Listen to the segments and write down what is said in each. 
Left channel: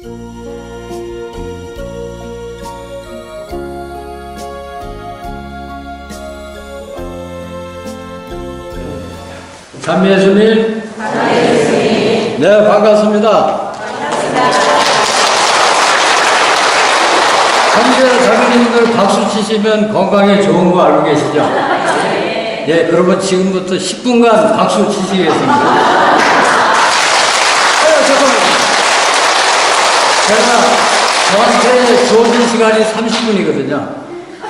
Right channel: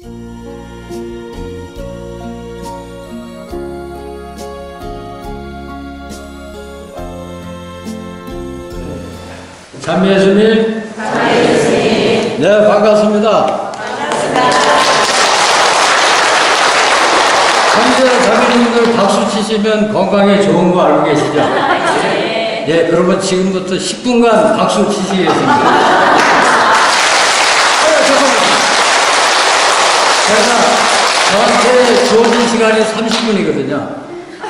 찬미 예수님. 네, 반갑습니다. 형제 자매님들 박수 치시면 건강에 좋은 거 알고 계시죠? 예, 그러면 지금부터 10분간 박수 치시겠습니다. 잠깐만요. 저한테 주어진 시간이 30분이거든요.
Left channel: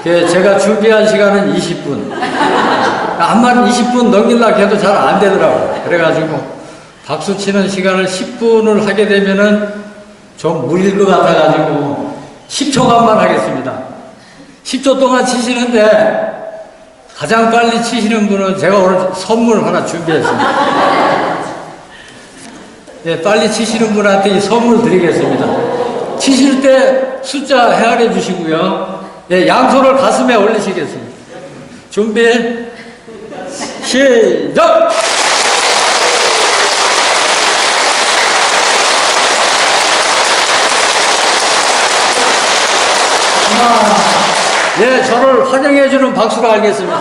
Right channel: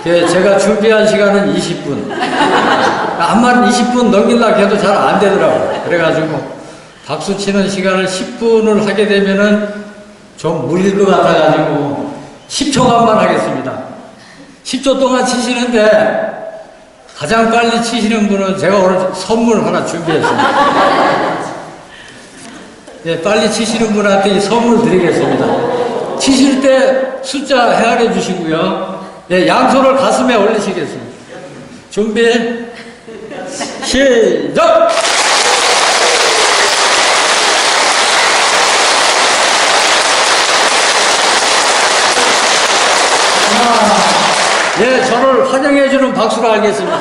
제가 준비한 시간은 20분. 한만 20분 넘기려고 해도 잘 안 되더라고요. 그래가지고 박수 치는 시간을 10분을 하게 되면은 좀 물릴 것 같아가지고 10초간만 하겠습니다. 10초 동안 치시는데 가장 빨리 치시는 분은 제가 오늘 선물 하나 준비했습니다. 네, 빨리 치시는 분한테 이 선물 드리겠습니다. 치실 때 숫자 헤아려 주시고요. 네, 양손을 가슴에 올리시겠습니다. 준비, 시작! 예, 저를 환영해주는 박수로 알겠습니다.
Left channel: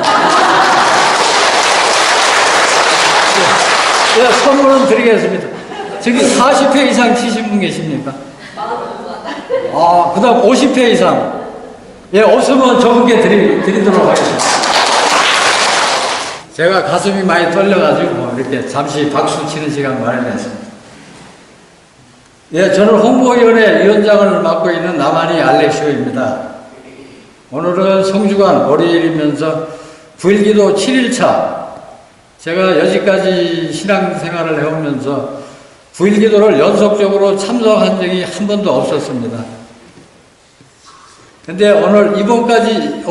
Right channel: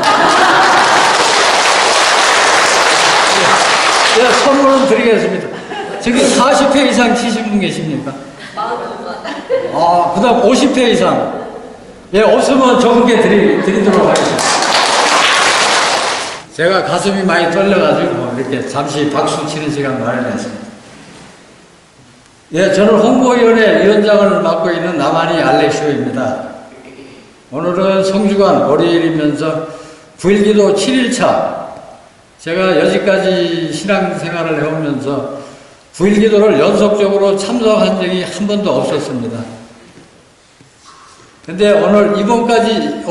예, 선물은 드리겠습니다. 저기 40회 이상 치신 분 계십니까? 그 다음 50회 이상. 예, 없으면 적은 게 드리도록 하겠습니다. 제가 가슴이 많이 떨려가지고 이렇게 잠시 박수 치는 시간 마련했습니다. 예, 저는 홍보위원회 위원장을 맡고 있는 남한이 알렉시오입니다. 오늘은 성주간 월요일이면서 9.1기도 7일차. 제가 여지까지 신앙생활을 해오면서 9.1기도를 연속적으로 참석한 적이 한 번도 없었습니다. 근데 오늘까지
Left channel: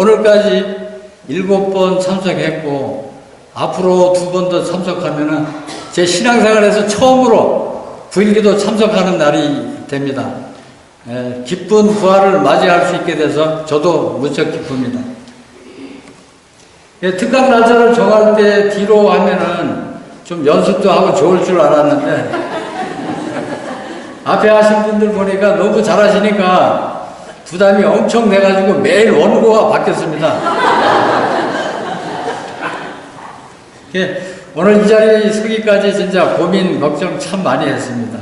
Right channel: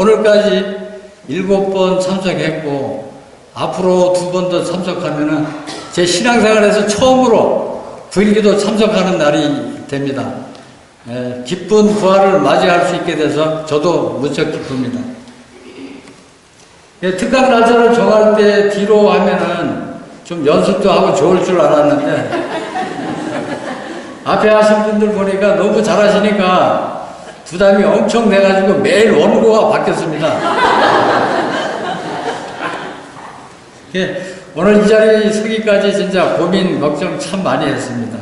7번 참석했고, 앞으로 2번 더 참석하면은 제 신앙생활에서 처음으로 9.1기도 참석하는 날이 됩니다. 예, 기쁜 부활을 맞이할 수 있게 돼서 저도 무척 기쁩니다. 예, 특강 날짜를 정할 때 뒤로 하면은 좀 연습도 하고 좋을 줄 알았는데, 앞에 하신 분들 보니까 너무 잘하시니까 부담이 엄청 돼가지고 매일 원고가 바뀌었습니다. 예, 오늘 이 자리에 서기까지 진짜 고민, 걱정 참 많이 했습니다.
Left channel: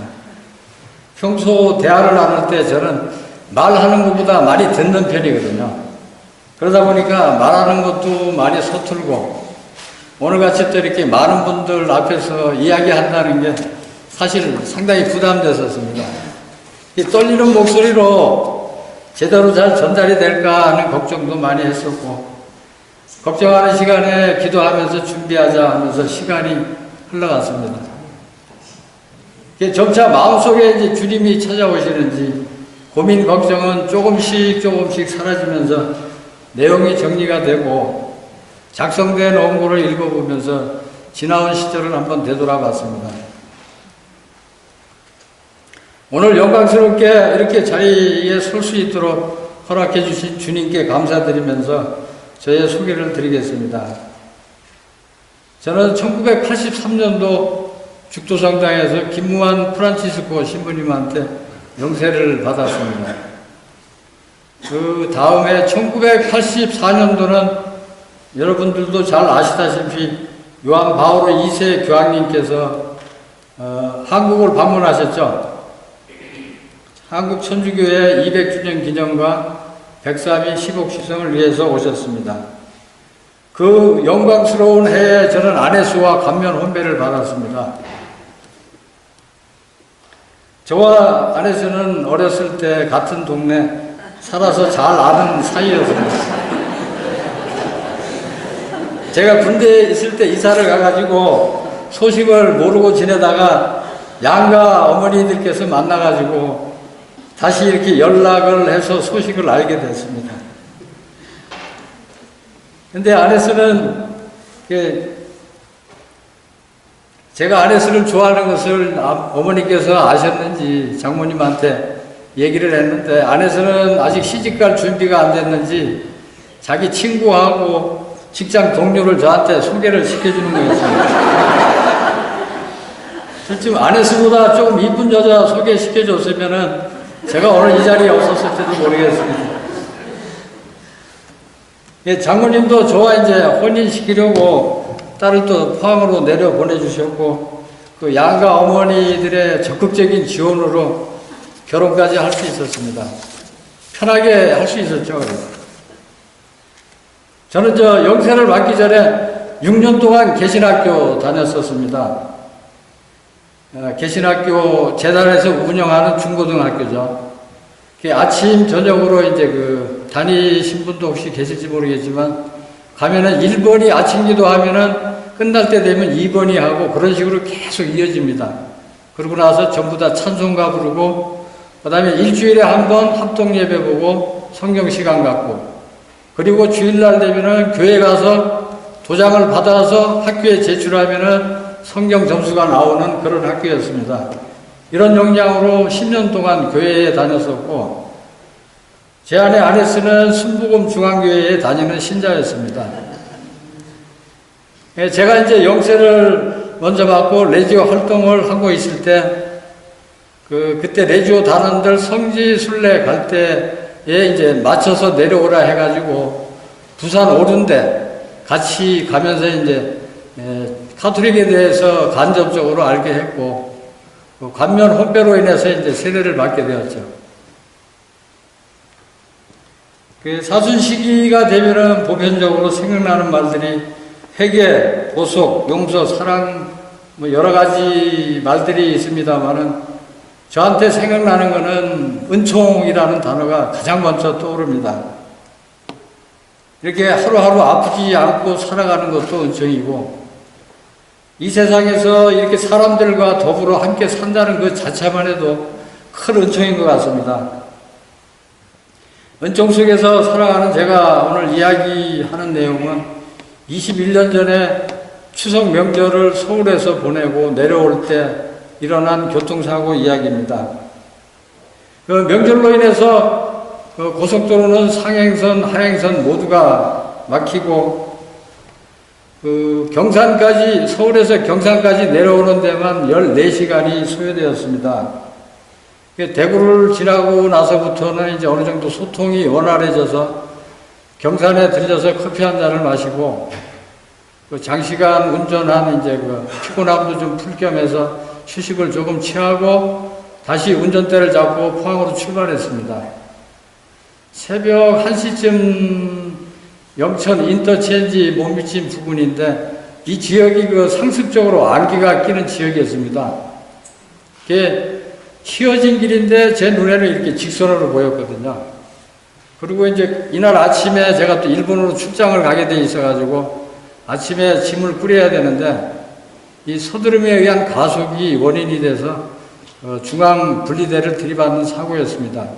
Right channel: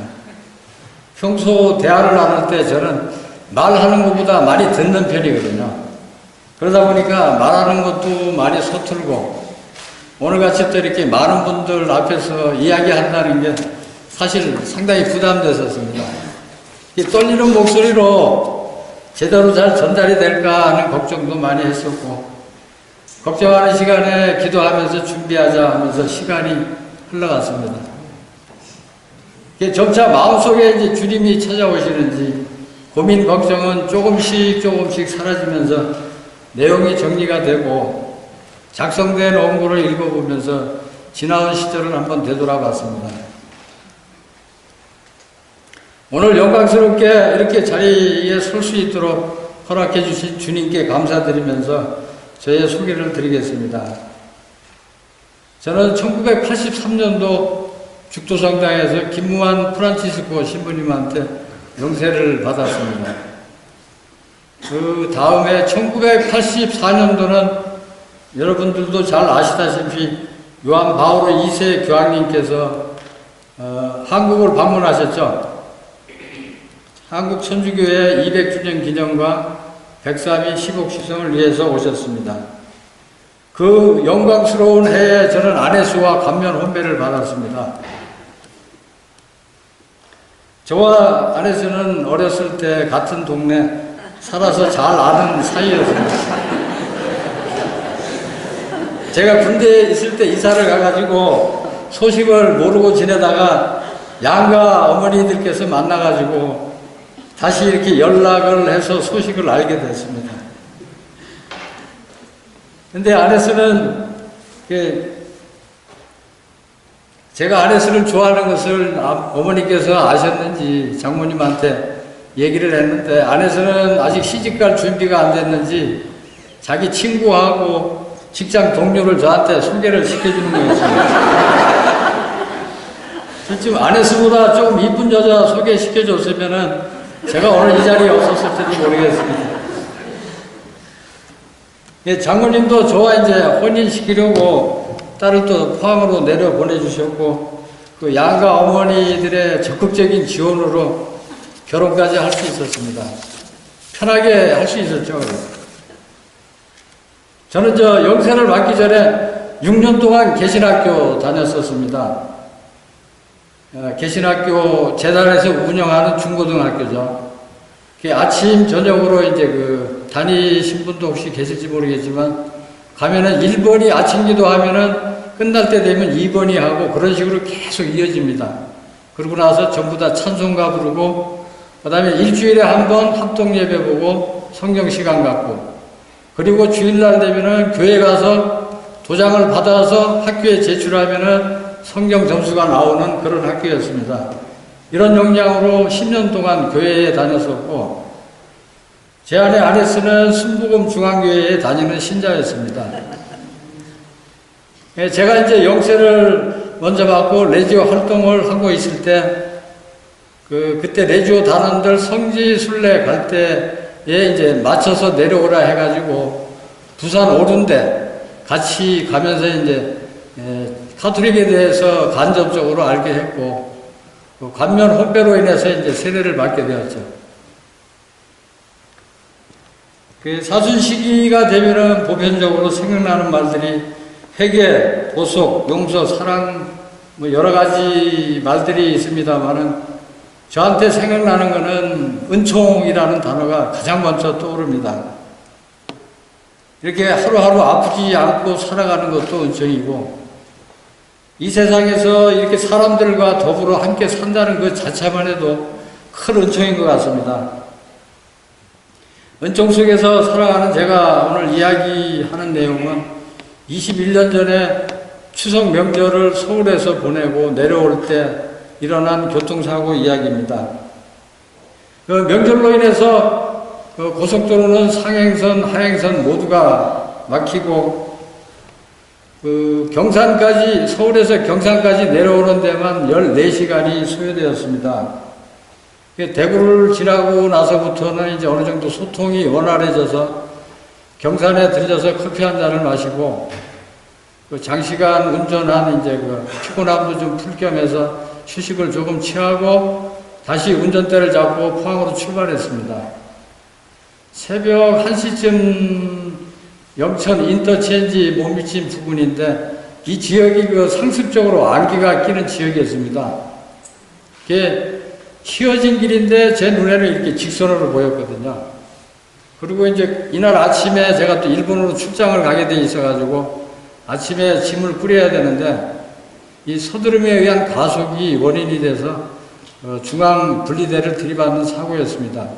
평소 대화를 나눌 때 저는 말하는 것보다 많이 듣는 편이거든요. 그러다 보니까 말하는 것도 많이 서툴고, 오늘같이 또 이렇게 많은 분들 앞에서 이야기한다는 게 사실 상당히 부담됐었습니다. 이 떨리는 목소리로 제대로 잘 전달이 될까 하는 걱정도 많이 했었고, 걱정하는 시간에 기도하면서 준비하자 하면서 시간이 흘러갔습니다. 점차 마음속에 이제 주님이 찾아오시는지 고민, 걱정은 조금씩 사라지면서 내용이 정리가 되고, 작성된 원고를 읽어보면서 지나온 시절을 한번 되돌아봤습니다. 오늘 영광스럽게 이렇게 자리에 설 수 있도록 허락해 주신 주님께 감사드리면서 저의 소개를 드리겠습니다. 저는 1983년도 죽도성당에서 김무한 프란치스코 신부님한테 영세를 받았습니다. 그 다음에 1984년도는 여러분들도 잘 아시다시피 요한 바오로 2세 교황님께서 한국을 방문하셨죠. 한국 천주교회 200주년 기념과 103위 시국시성을 위해서 오셨습니다. 그 영광스러운 해에 저는 안혜수와 감면 혼배를 받았습니다. 저와 안혜수는 어렸을 때 같은 동네 살아서 잘 아는 사이였습니다. 제가 군대에 있을 때 이사를 가가지고 소식을 모르고 지내다가 양가 어머니들께서 만나가지고 다시 이렇게 연락을 해서 소식을 알게 됐습니다. 근데 안혜수는 제가 안혜수를 좋아하는 것을 어머니께서 아셨는지 장모님한테 얘기를 했는데, 안혜수는 아직 시집갈 준비가 안 됐는지 자기 친구하고 직장 동료를 저한테 소개를 시켜주는 거였습니다. 실제 안혜수보다 조금 이쁜 여자 소개시켜줬으면은 제가 오늘 이 자리에 없었을지도 모르겠습니다. 예, 장모님도 저와 이제 혼인시키려고 딸을 또 포항으로 내려 보내주셨고, 그 양가 어머니들의 적극적인 지원으로 결혼까지 할 수 있었습니다. 편하게 할 수 있었죠. 저는 영세를 맞기 전에 6년 동안 개신학교 다녔었습니다. 개신학교 재단에서 운영하는 중고등학교죠. 아침, 저녁으로 이제 다니신 분도 혹시 계실지 모르겠지만, 가면은 1번이 아침 기도 하면은 끝날 때 되면 2번이 하고 그런 식으로 계속 이어집니다. 그러고 나서 전부 다 찬송가 부르고, 그 다음에 일주일에 한 번 합동 예배 보고 성경 시간 갖고, 그리고 주일날 되면은 교회 가서 도장을 받아서 학교에 제출하면은 성경 점수가 나오는 그런 학교였습니다. 이런 역량으로 10년 동안 교회에 다녔었고, 제 아내 아네스는 순복음 중앙교회에 다니는 신자였습니다. 제가 이제 영세를 먼저 받고 레지오 활동을 하고 있을 때, 그때 레지오 단원들 성지 순례 갈 때에 이제 맞춰서 내려오라 해가지고 부산 오른데 같이 가면서 이제 가톨릭에 대해서 간접적으로 알게 했고, 관면 혼배로 인해서 이제 세례를 받게 되었죠. 사순 시기가 되면은 보편적으로 생각나는 말들이 회개, 보속, 용서, 사랑, 뭐 여러 가지 말들이 있습니다만은 저한테 생각나는 거는 은총이라는 단어가 가장 먼저 떠오릅니다. 이렇게 하루하루 아프지 않고 살아가는 것도 은총이고, 이 세상에서 이렇게 사람들과 더불어 함께 산다는 것 자체만 해도 큰 은총인 것 같습니다. 은총 속에서 살아가는 제가 오늘 이야기하는 내용은 21년 전에 추석 명절을 서울에서 보내고 내려올 때 일어난 교통사고 이야기입니다. 명절로 인해서 고속도로는 상행선, 하행선 모두가 막히고, 경산까지, 서울에서 경산까지 내려오는 데만 14시간이 소요되었습니다. 대구를 지나고 나서부터는 이제 어느 정도 소통이 원활해져서 경산에 들려서 커피 한 잔을 마시고, 장시간 운전한 이제 피곤함도 좀 풀 겸해서 휴식을 조금 취하고 다시 운전대를 잡고 포항으로 출발했습니다. 새벽 1시쯤 영천 인터체인지 못 미친 부근인데, 이 지역이 상습적으로 안개가 끼는 지역이었습니다. 그게 휘어진 길인데 제 눈에는 이렇게 직선으로 보였거든요. 그리고 이제 이날 아침에 제가 또 일본으로 출장을 가게 돼 있어가지고 아침에 짐을 꾸려야 되는데, 이 서두름에 의한 가속이 원인이 돼서 중앙 분리대를 들이받는 사고였습니다.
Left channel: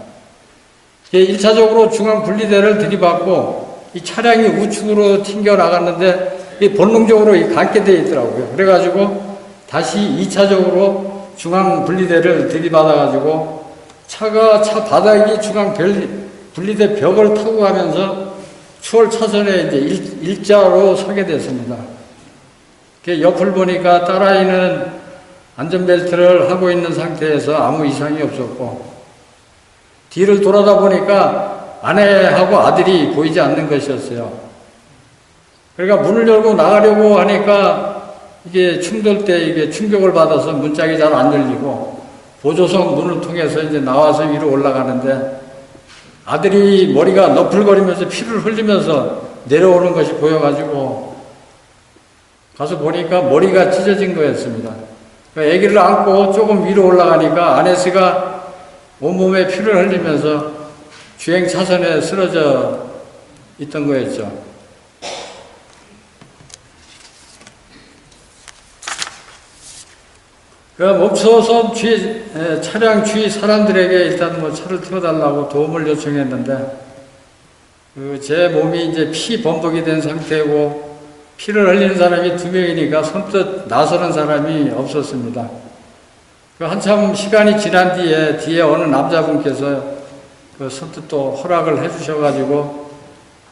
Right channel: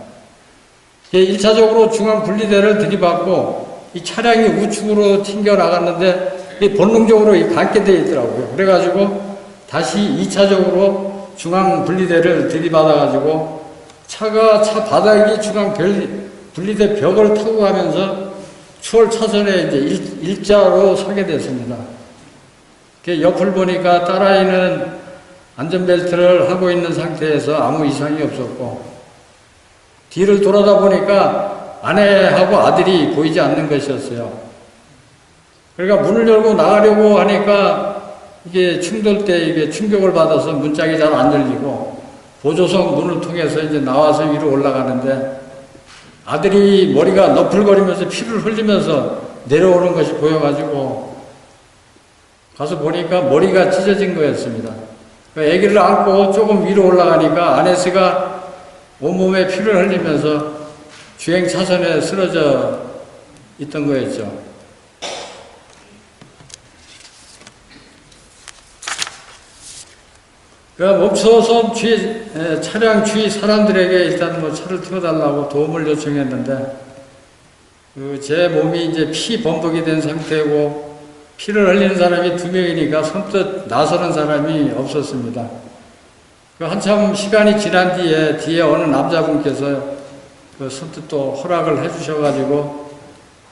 1차적으로 중앙 분리대를 들이받고 이 차량이 우측으로 튕겨 나갔는데 본능적으로 갖게 돼 있더라고요. 그래가지고 다시 2차적으로 중앙 분리대를 들이받아가지고 차 바닥이 중앙 분리대 벽을 타고 가면서 추월 차선에 이제 일자로 서게 됐습니다. 옆을 보니까 딸아이는 안전벨트를 하고 있는 상태에서 아무 이상이 없었고, 뒤를 돌아다 보니까 아내하고 아들이 보이지 않는 것이었어요. 그러니까 문을 열고 나가려고 하니까 이게 충돌 때 이게 충격을 받아서 문짝이 잘 안 열리고, 보조석 문을 통해서 이제 나와서 위로 올라가는데, 아들이 머리가 너풀거리면서 피를 흘리면서 내려오는 것이 보여가지고 가서 보니까 머리가 찢어진 거였습니다. 아기를 안고 조금 위로 올라가니까 아내스가 온몸에 피를 흘리면서 주행 차선에 쓰러져 있던 거였죠. 멈춰서 차량 주위 사람들에게 일단 차를 태워달라고 도움을 요청했는데, 제 몸이 이제 피 범벅이 된 상태고, 피를 흘리는 사람이 2명이니까 선뜻 나서는 사람이 없었습니다. 한참 시간이 지난 뒤에 어느 남자분께서 선뜻 또 허락을 해주셔가지고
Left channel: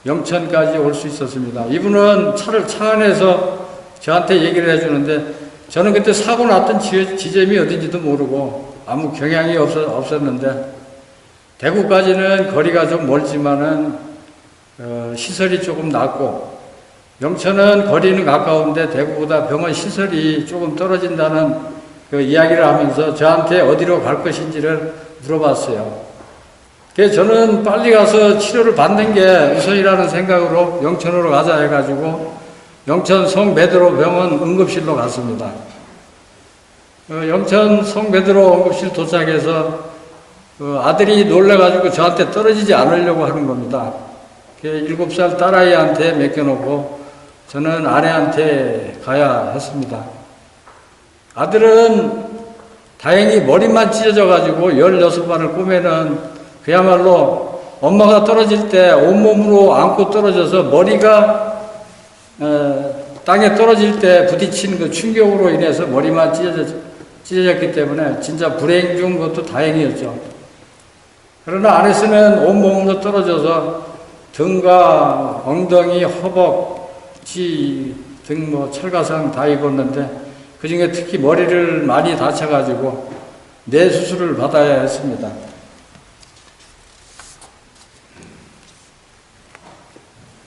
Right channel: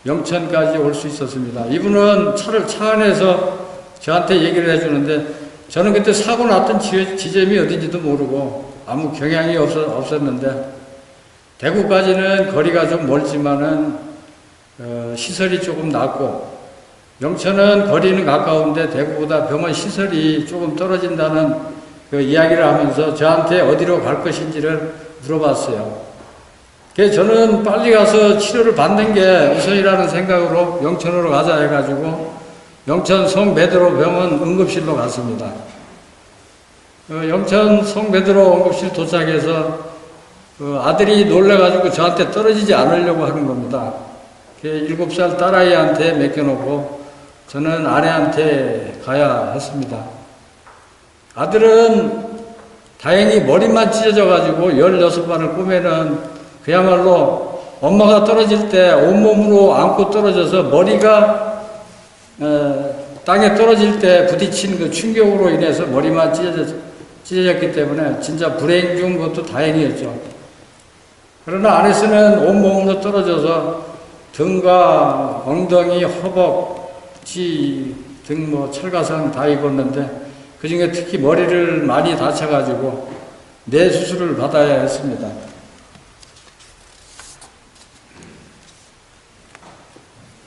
영천까지 올 수 있었습니다. 이분은 차 안에서 저한테 얘기를 해주는데, 저는 그때 사고 났던 지점이 어딘지도 모르고 아무 경향이 없었는데, 대구까지는 거리가 좀 멀지만은 시설이 조금 낮고, 영천은 거리는 가까운데 대구보다 병원 시설이 조금 떨어진다는 그 이야기를 하면서 저한테 어디로 갈 것인지를 물어봤어요. 그래서 저는 빨리 가서 치료를 받는 게 우선이라는 생각으로 영천으로 가자 해가지고 영천 성베드로 병원 응급실로 갔습니다. 영천 성베드로 응급실 도착해서 아들이 놀래가지고 저한테 떨어지지 않으려고 하는 겁니다. 7살 딸아이한테 맡겨놓고 저는 아내한테 가야 했습니다. 아들은 다행히 머리만 찢어져가지고 16발을 꼬매는 그야말로 엄마가 떨어질 때 온몸으로 안고 떨어져서 머리가 땅에 떨어질 때 부딪힌 그 충격으로 인해서 머리만 찢어졌기 때문에 진짜 불행 중 그것도 다행이었죠. 그러나 안에서는 온몸으로 떨어져서 등과 엉덩이, 허벅지 등 철가상 다 입었는데 그 중에 특히 머리를 많이 다쳐가지고 뇌 수술을 받아야 했습니다.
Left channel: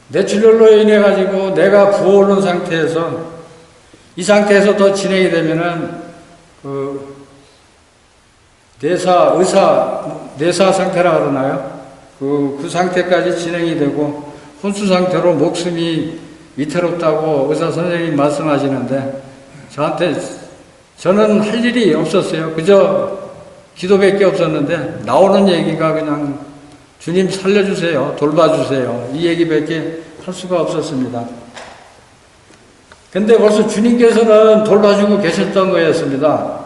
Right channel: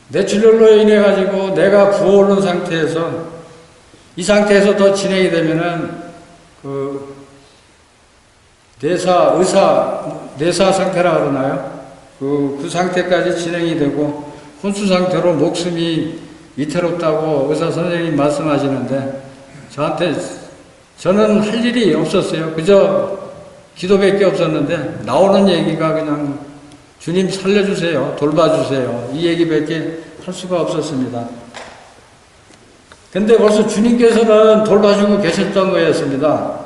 뇌출혈로 인해 가지고 뇌가 부어오른 상태에서 이 상태에서 더 진행이 되면은 뇌사 상태라 그러나요? 그 상태까지 진행이 되고 혼수 상태로 목숨이 위태롭다고 의사 선생님이 말씀하시는데 저는 할 일이 없었어요. 그저 기도밖에 없었는데 나오는 얘기가 그냥 주님 살려주세요, 돌봐주세요, 이 얘기밖에 할 수가 없었습니다. 근데 벌써 주님께서는 돌봐주고 계셨던 거였습니다.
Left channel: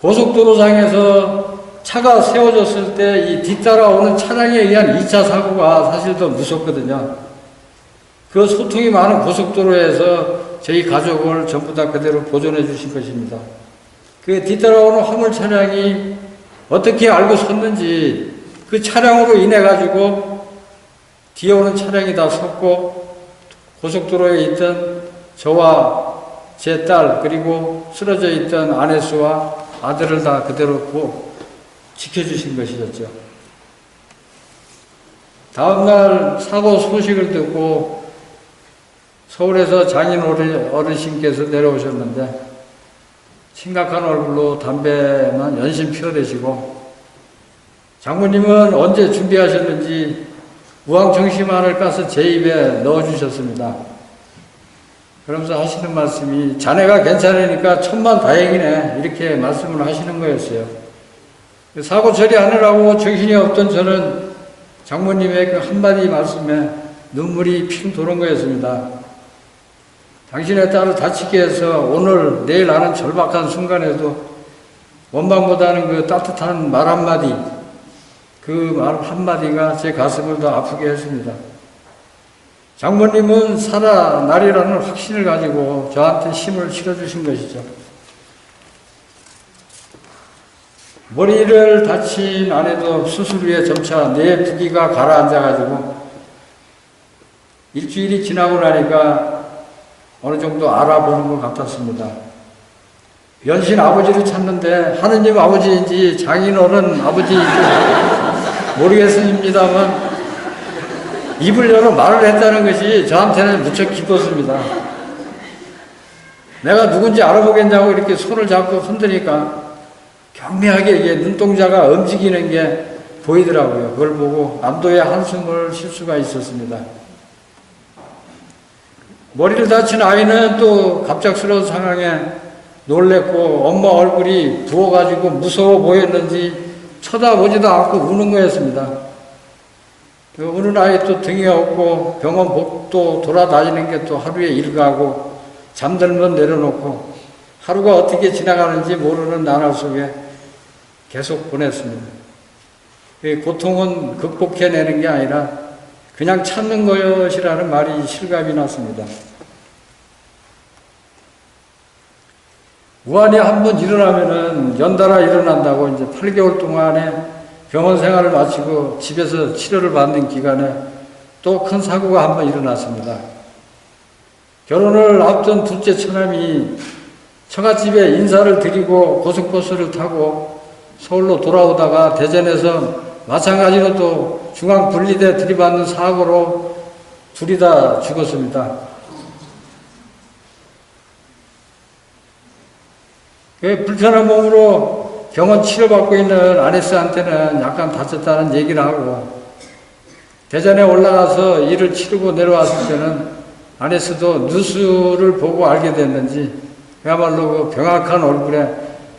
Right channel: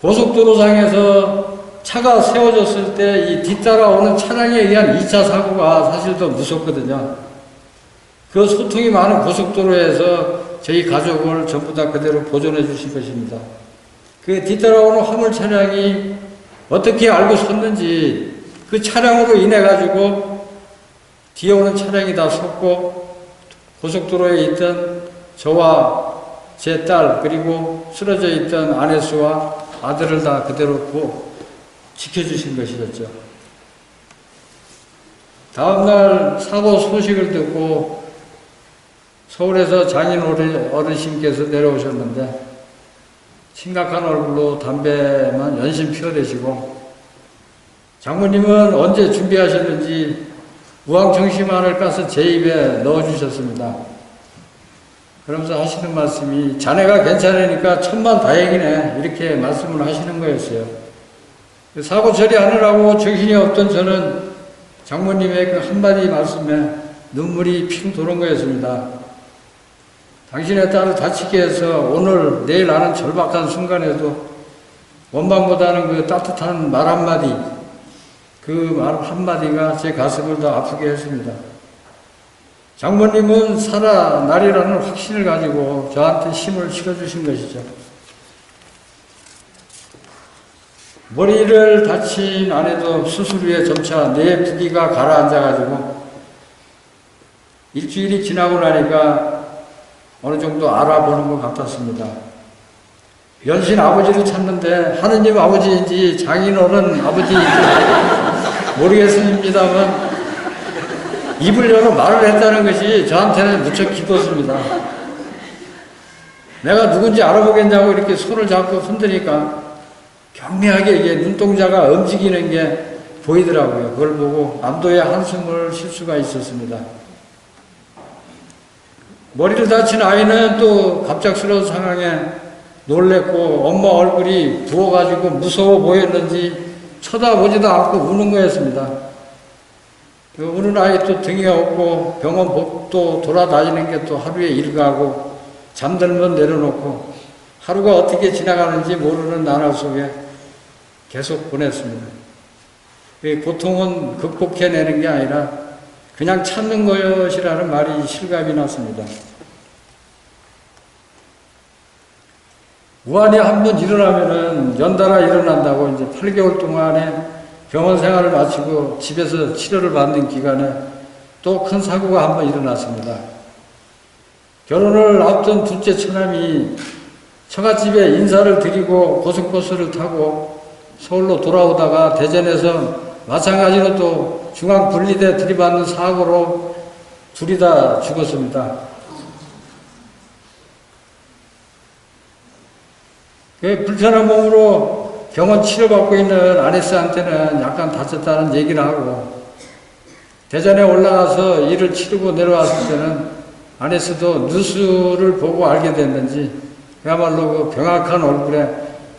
고속도로상에서 차가 세워졌을 때 이 뒤따라오는 차량에 의한 2차 사고가 사실 더 무섭거든요. 그 소통이 많은 고속도로에서 저희 가족을 전부 다 그대로 보존해 주신 것입니다. 그 뒤따라오는 화물 차량이 어떻게 알고 섰는지 그 차량으로 인해 가지고 뒤에 오는 차량이 다 섰고 고속도로에 있던 저와 제 딸 그리고 쓰러져 있던 아내수와 아들을 다 그대로 지켜주신 것이었죠. 다음날 사고 소식을 듣고 서울에서 장인 어르신께서 내려오셨는데 심각한 얼굴로 담배만 연신 피워대시고 장모님은 언제 준비하셨는지 우황청심환을 까서 제 입에 넣어주셨습니다. 그러면서 하시는 말씀이 자네가 괜찮으니까 천만다행이네 이렇게 말씀을 하시는 거였어요. 사고 처리하느라고 정신이 없던 저는 장모님의 그 한마디 말씀에 눈물이 핑 도는 거였습니다. 당신의 딸을 다치게 해서 오늘 내일 하는 절박한 순간에도 원망보다는 그 따뜻한 말 한마디, 그 말 한마디가 제 가슴을 더 아프게 했습니다. 장모님은 살아나리라는 확신을 가지고 저한테 힘을 실어주신 것이죠. 머리를 다친 아내도 수술 후에 점차 뇌 부기가 가라앉아가지고 일주일이 지나고 나니까 어느 정도 알아보는 것 같았습니다. 연신 아버지를 찾는데 하느님 아버지인지 장인어른 아버지인지 모르겠습니다만 입을 열어 말을 했다는 것이 저한테는 무척 기뻤습니다. 내가 누군지 알아보겠냐고 이렇게 손을 잡고 흔드니까 경미하게 이게 눈동자가 움직이는 게 보이더라고요. 그걸 보고 안도의 한숨을 쉴 수가 있었습니다. 머리를 다친 아이는 또 갑작스러운 상황에 놀랬고 엄마 얼굴이 부어가지고 무서워 보였는지 쳐다보지도 않고 우는 거였습니다. 그 우는 아이 또 등이 없고 병원 복도 돌아다니는 게 또 하루에 일가고 잠들면 내려놓고 하루가 어떻게 지나가는지 모르는 나날 속에 계속 보냈습니다. 고통은 극복해내는 게 아니라 그냥 참는 것이라는 말이 실감이 났습니다. 우환이 한번 일어나면은 연달아 일어난다고 이제 8개월 동안에 병원 생활을 마치고 집에서 치료를 받는 기간에 또 큰 사고가 한번 일어났습니다. 결혼을 앞둔 둘째 처남이 처갓집에 인사를 드리고 고속버스를 타고 서울로 돌아오다가 대전에서 마찬가지로 또 중앙 분리대 들이받는 사고로 둘이 다 죽었습니다. 불편한 몸으로 병원 치료받고 있는 아네스한테는 약간 다쳤다는 얘기를 하고, 대전에 올라가서 일을 치르고 내려왔을 때는 아네스도 뉴스를 보고 알게 됐는지 그야말로 그 병약한 얼굴에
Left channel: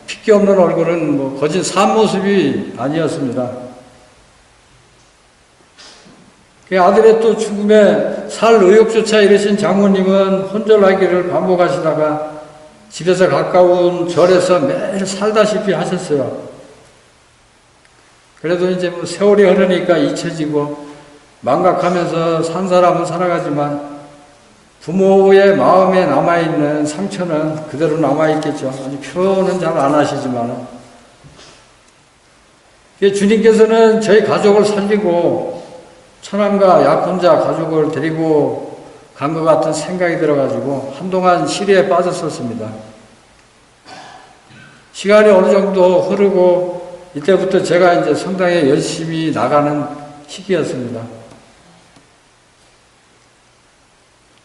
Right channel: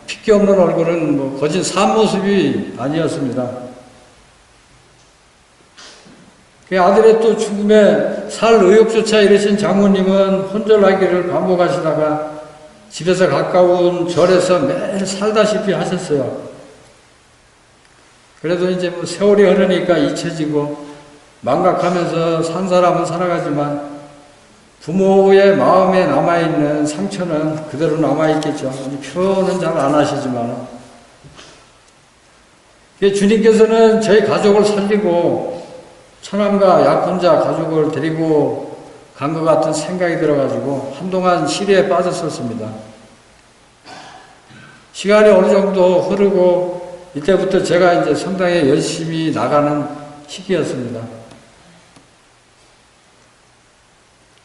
핏기 없는 얼굴은 뭐 거진 산모습이 아니었습니다. 그 아들의 또 죽음에 살 의욕조차 잃으신 장모님은 혼절하기를 반복하시다가 집에서 가까운 절에서 매일 살다시피 하셨어요. 그래도 이제 뭐 세월이 흐르니까 잊혀지고 망각하면서 산 사람은 살아가지만 부모의 마음에 남아있는 상처는 그대로 남아있겠죠. 표현은 잘 안 하시지만은. 주님께서는 저희 가족을 살리고 처남과 약혼자 가족을 데리고 간 것 같은 생각이 들어가지고 한동안 시리에 빠졌었습니다. 시간이 어느 정도 흐르고 이때부터 제가 이제 성당에 열심히 나가는 시기였습니다.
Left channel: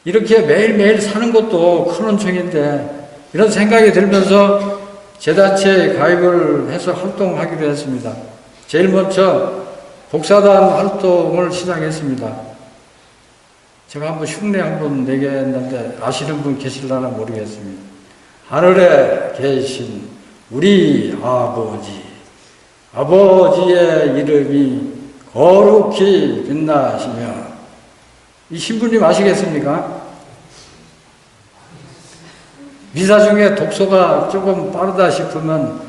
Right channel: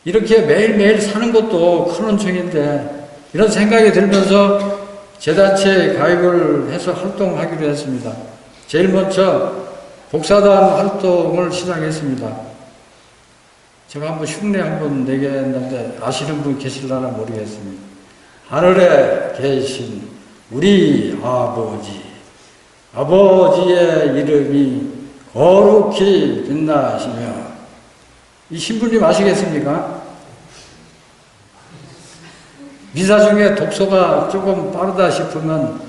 이렇게 매일매일 사는 것도 큰 은총인데 이런 생각이 들면서 재단체에 가입을 해서 활동하기로 했습니다. 제일 먼저 복사단 활동을 시작했습니다. 제가 한번 흉내 한번 내겠는데 아시는 분 계실라나 모르겠습니다. 하늘에 계신 우리 아버지, 아버지의 이름이 거룩히 빛나시며, 이 신부님 아시겠습니까? 미사 중에 독소가 조금 빠르다 싶으면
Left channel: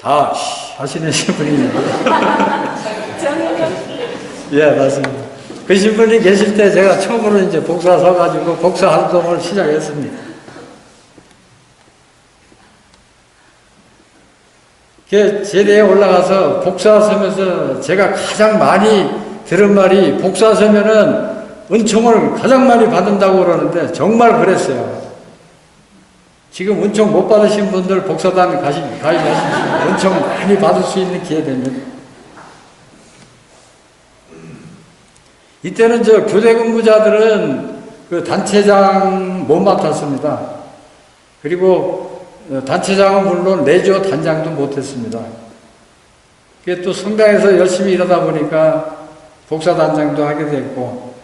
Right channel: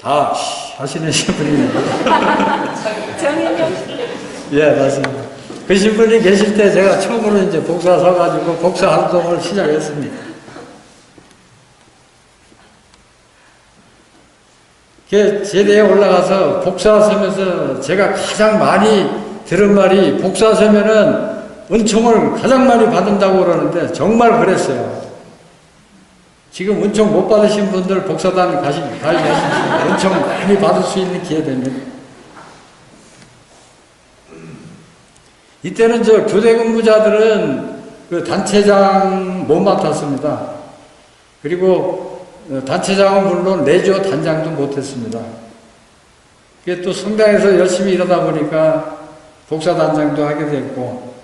다 하시는 신부님입니다. 예, 맞습니다. 그 신부님 계실 때 제가 처음으로 이제 복사 서가지고 복사 활동을 시작했습니다. 제대에 올라가서 복사 서면서 제가 가장 많이 들은 말이, 복사 서면은 은총을 가장 많이 받는다고 그러는데 정말 그랬어요. 지금 은총 못 받으신 분들 복사단 가입하시면 은총 많이 받을 수 있는 기회 됩니다. 이때는 저 교대 근무자들은 그 단체장 못 맡았습니다. 그리고 단체장은 물론 내조 단장도 못했습니다. 그게 또 성당에서 열심히 일하다 보니까 복사단장도 하게 됐고,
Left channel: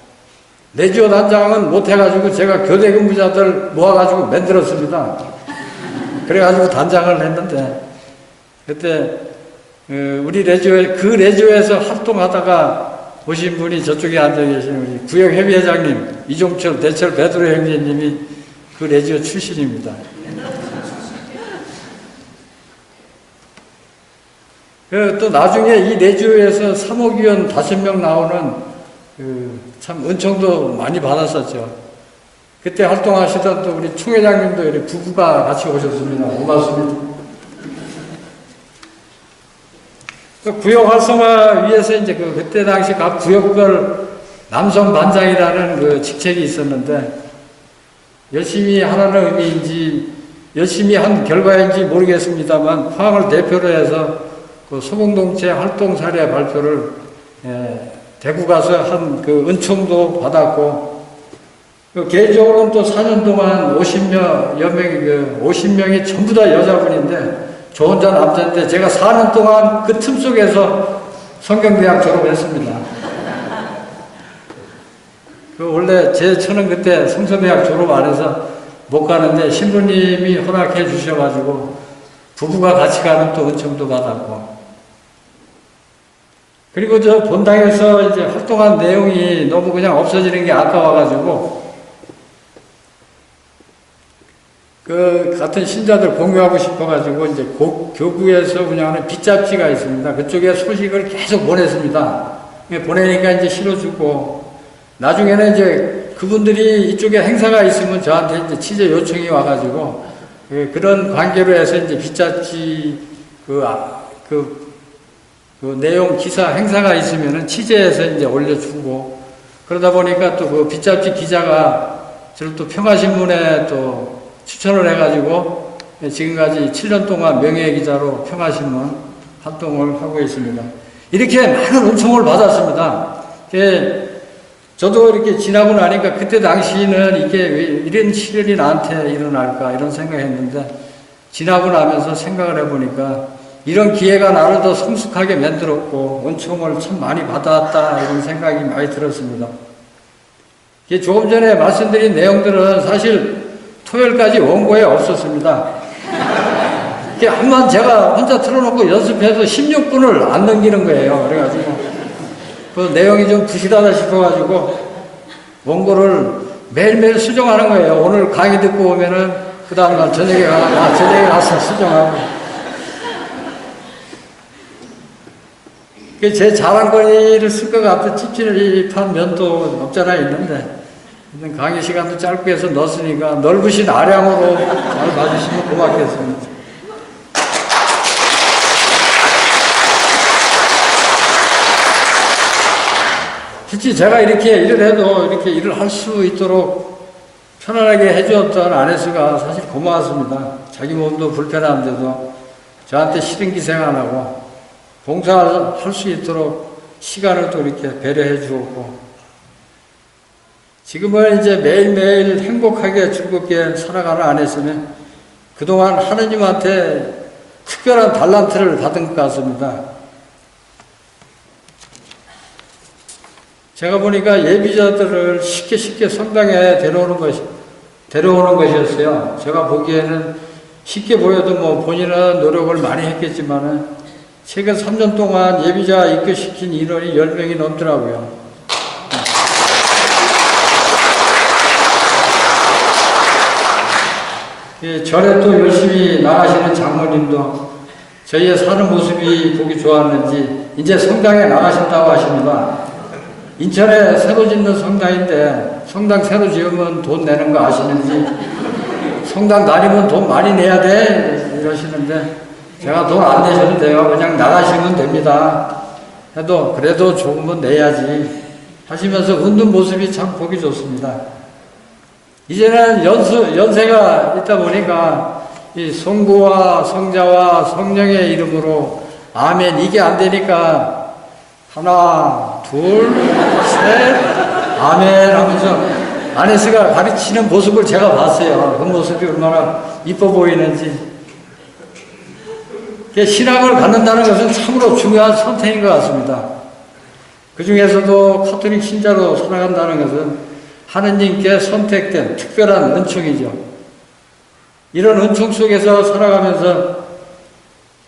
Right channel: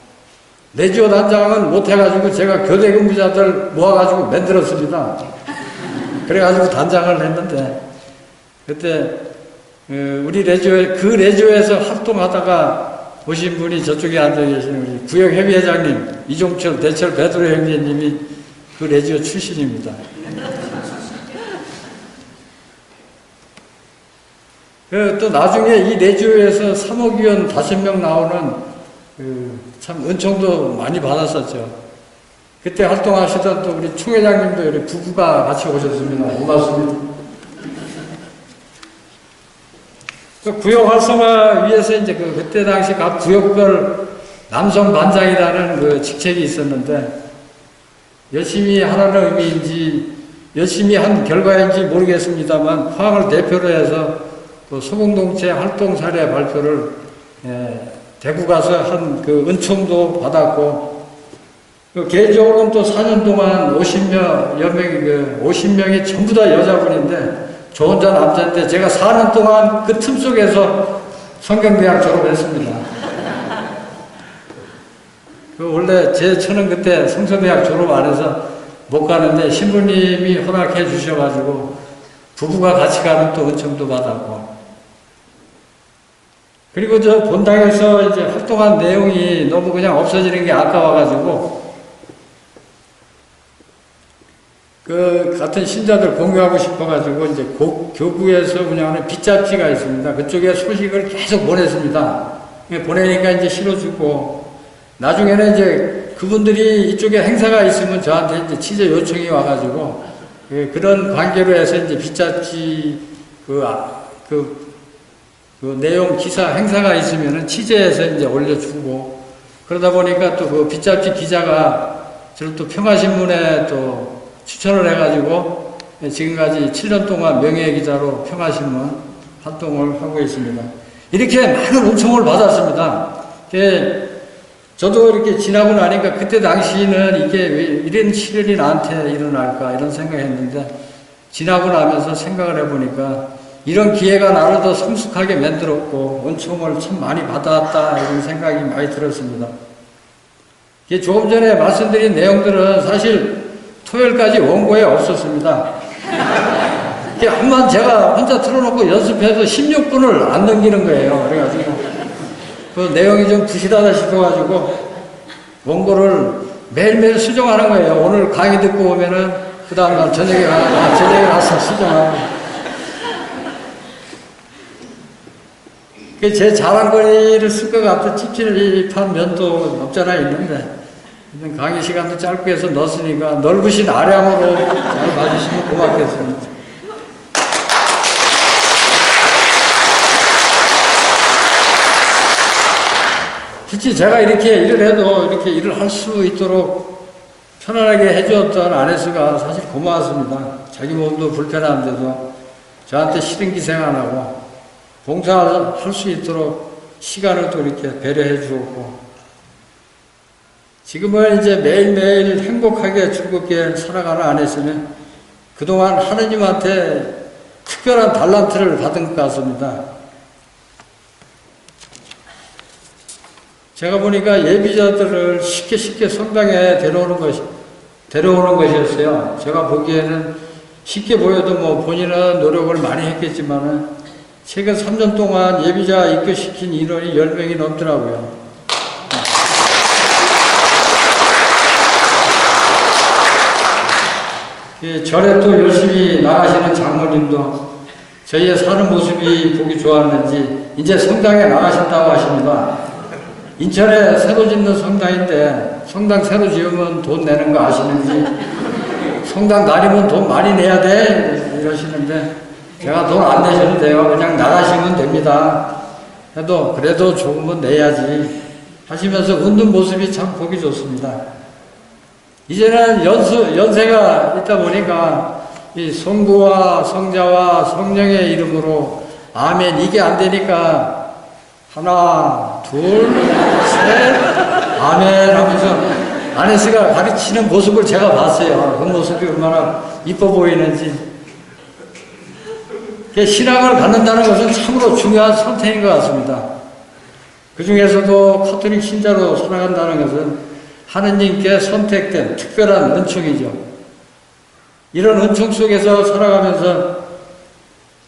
내조 단장은 못해가지고 제가 교대 근무자들 모아가지고 만들었습니다. 그래가지고 단장을 했는데, 그때 우리 레조에서 활동하다가 오신 분이 저쪽에 앉아 계신 우리 구역협의회장님 이종철 대철 베드로 형제님이 그 레지오 출신입니다. 또 나중에 이 레지오에서 사목위원 5명 나오는 참 은총도 많이 받았었죠. 그때 활동하시던 또 우리 총회장님도 우리 부부가 같이 오셨습니다. 고맙습니다. 그 구역 활성화 위해서 이제 그때 당시 각 구역별 남성 반장이라는 그 직책이 있었는데, 열심히 하라는 의미인지 열심히 한 결과인지 모르겠습니다만 포항을 대표로 해서 그 소공동체 활동 사례 발표를 대구 가서 한 그 은총도 받았고, 개인적으로는 또 4년 동안 50명이 전부 다 여자분인데 저 혼자 남자인데 제가 4년 동안 그 틈 속에서 성경대학 졸업했습니다. 원래 제 처는 그때 성서대학 졸업 안 해서 못 가는데 신부님이 허락해 주셔가지고 부부가 같이 가는 또 은총도 받았고, 그리고 저 본당에서 이제 활동한 내용이 너무 그냥 없어지는 게 아까워가지고 그 같은 신자들 공유하고 싶어가지고 이제 교구에서 운영하는 빗잡지가 있습니다. 그쪽에 소식을 계속 보냈습니다. 보내니까 이제 실어주고, 나중에는 이제 그분들이 이쪽에 행사가 있으면 저한테 이제 취재 요청이 와가지고 그런 관계로 해서 이제 빗잡지 그 내용 기사 행사가 있으면은 취재해서 이제 올려주고, 그러다 보니까 또 그 빗잡지 기자가 저를 또 평화신문에 또 추천을 해가지고 지금까지 7년 동안 명예기자로 평화신문 활동을 하고 있습니다. 이렇게 많은 은총을 받았습니다. 저도 이렇게 지나고 나니까 그때 당시에는 이게 왜 이런 시련이 나한테 일어날까 이런 생각했는데 지나고 나면서 생각을 해보니까 이런 기회가 나를 더 성숙하게 만들었고 은총을 참 많이 받았다 이런 생각이 많이 들었습니다. 조금 전에 말씀드린 내용들은 사실 토요일까지 원고에 없었습니다. 한번 제가 혼자 틀어놓고 연습해서 16분을 안 넘기는 거예요. 그래가지고 그 내용이 좀 부실하다 싶어가지고 원고를 매일매일 수정하는 거예요. 오늘 강의 듣고 오면은 그 다음날 저녁에 가서 수정하고. 제 자랑거리를 쓸 것 같아 찝찝한 면도 없잖아 있는데 강의 시간도 짧고 해서 넣었으니까 넓으신 아량으로 잘 봐주시면 고맙겠습니다. 실제 제가 이렇게 일을 해도 이렇게 일을 할 수 있도록 편안하게 해주었던 아내수가 사실 고마웠습니다. 자기 몸도 불편한데도 저한테 싫은 기생 안 하고 봉사할 수 있도록 시간을 또 이렇게 배려해 주었고 지금은 이제 매일매일 행복하게 즐겁게 살아가는 아내수는 그동안 하느님한테 특별한 달란트를 받은 것 같습니다. 제가 보니까 예비자들을 쉽게 성당에 데려오는 것이었어요. 제가 보기에는 쉽게 보여도 뭐 본인은 노력을 많이 했겠지만은 최근 3년 동안 예비자 입교시킨 인원이 10명이 넘더라고요. 절에 또 열심히 나가시는 장모님도 저희의 사는 모습이 보기 좋았는지 이제 성당에 나가신다고 하십니다. 인천에 새로 짓는 성당인데 성당 새로 지으면 돈 내는 거 아시는지 성당 다니면 돈 많이 내야 돼 이러시는데 제가 돈 안 내셔도 돼요. 그냥 나가시면 됩니다. 해도 그래도 조금은 내야지 하시면서 웃는 모습이 참 보기 좋습니다. 이제는 연세가 있다 보니까 이 성부와 성자와 성령의 이름으로 아멘 이게 안 되니까 하나, 둘, 셋, 아멘 하면서 아네스가 가르치는 모습을 제가 봤어요. 그 모습이 얼마나 이뻐 보이는지. 신앙을 갖는다는 것은 참으로 중요한 선택인 것 같습니다. 그 중에서도 카톨릭 신자로 살아간다는 것은 하느님께 선택된 특별한 은총이죠. 이런 은총 속에서 살아가면서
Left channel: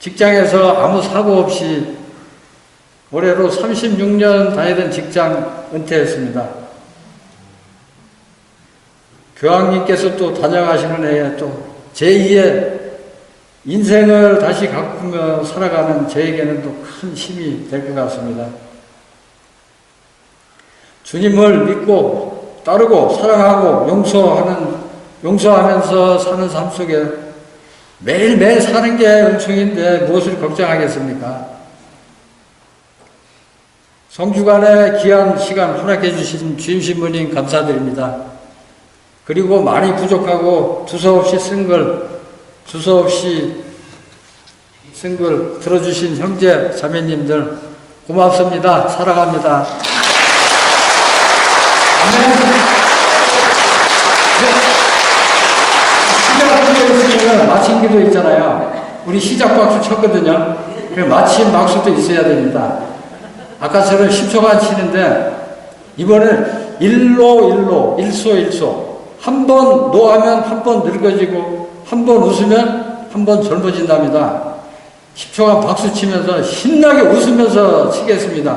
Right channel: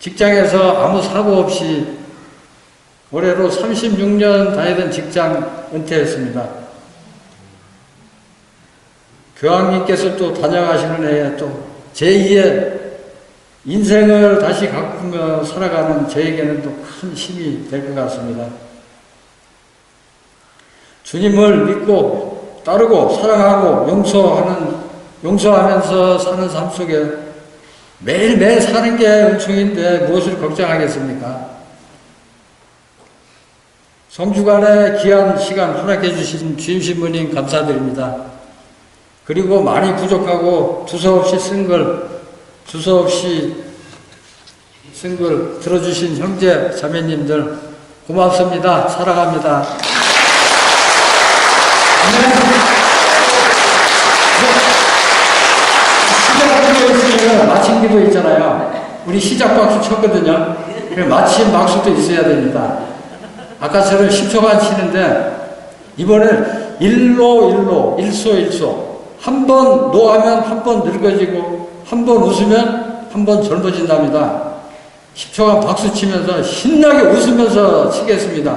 직장에서 아무 사고 없이 올해로 36년 다니던 직장 은퇴했습니다. 교황님께서 또 단양하시는 해에 또 제2의 인생을 다시 가꾸며 살아가는 저에게는 또 큰 힘이 될 것 같습니다. 주님을 믿고 따르고 사랑하고 용서하면서 사는 삶 속에 매일매일 사는 게 은총인데 무엇을 걱정하겠습니까? 성주간에 귀한 시간 허락해 주신 주임신부님 감사드립니다. 그리고 많이 부족하고 두서없이 쓴 걸 들어주신 형제 자매님들 고맙습니다. 사랑합니다. 시작 기도 있으면 마침 기도 있잖아요. 우리 시작 박수 쳤거든요. 마침 박수도 있어야 됩니다. 아까처럼 10초간 치는데 이번엔 일소 한 번 노하면 한 번 늙어지고 한 번 웃으면 한 번 젊어진답니다. 10초간 박수 치면서 신나게 웃으면서 치겠습니다.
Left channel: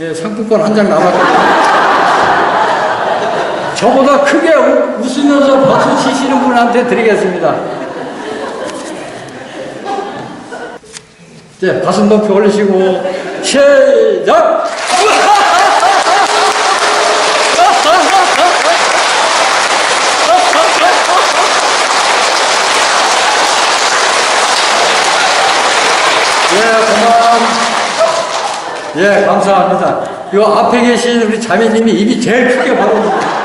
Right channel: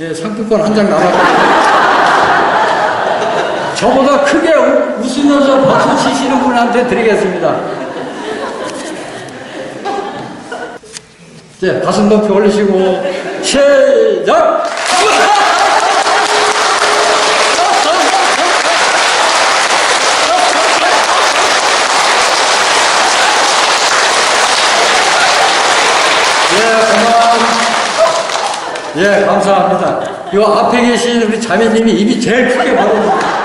예, 상품권 한 장 남았거든요. 저보다 크게 웃으면서 박수 치시는 분한테 드리겠습니다. 네, 가슴 높이 올리시고 시작! 예, 감사합니다. 요 앞에 계신 우리 자매님이 입이 제일 크게 받아주세요.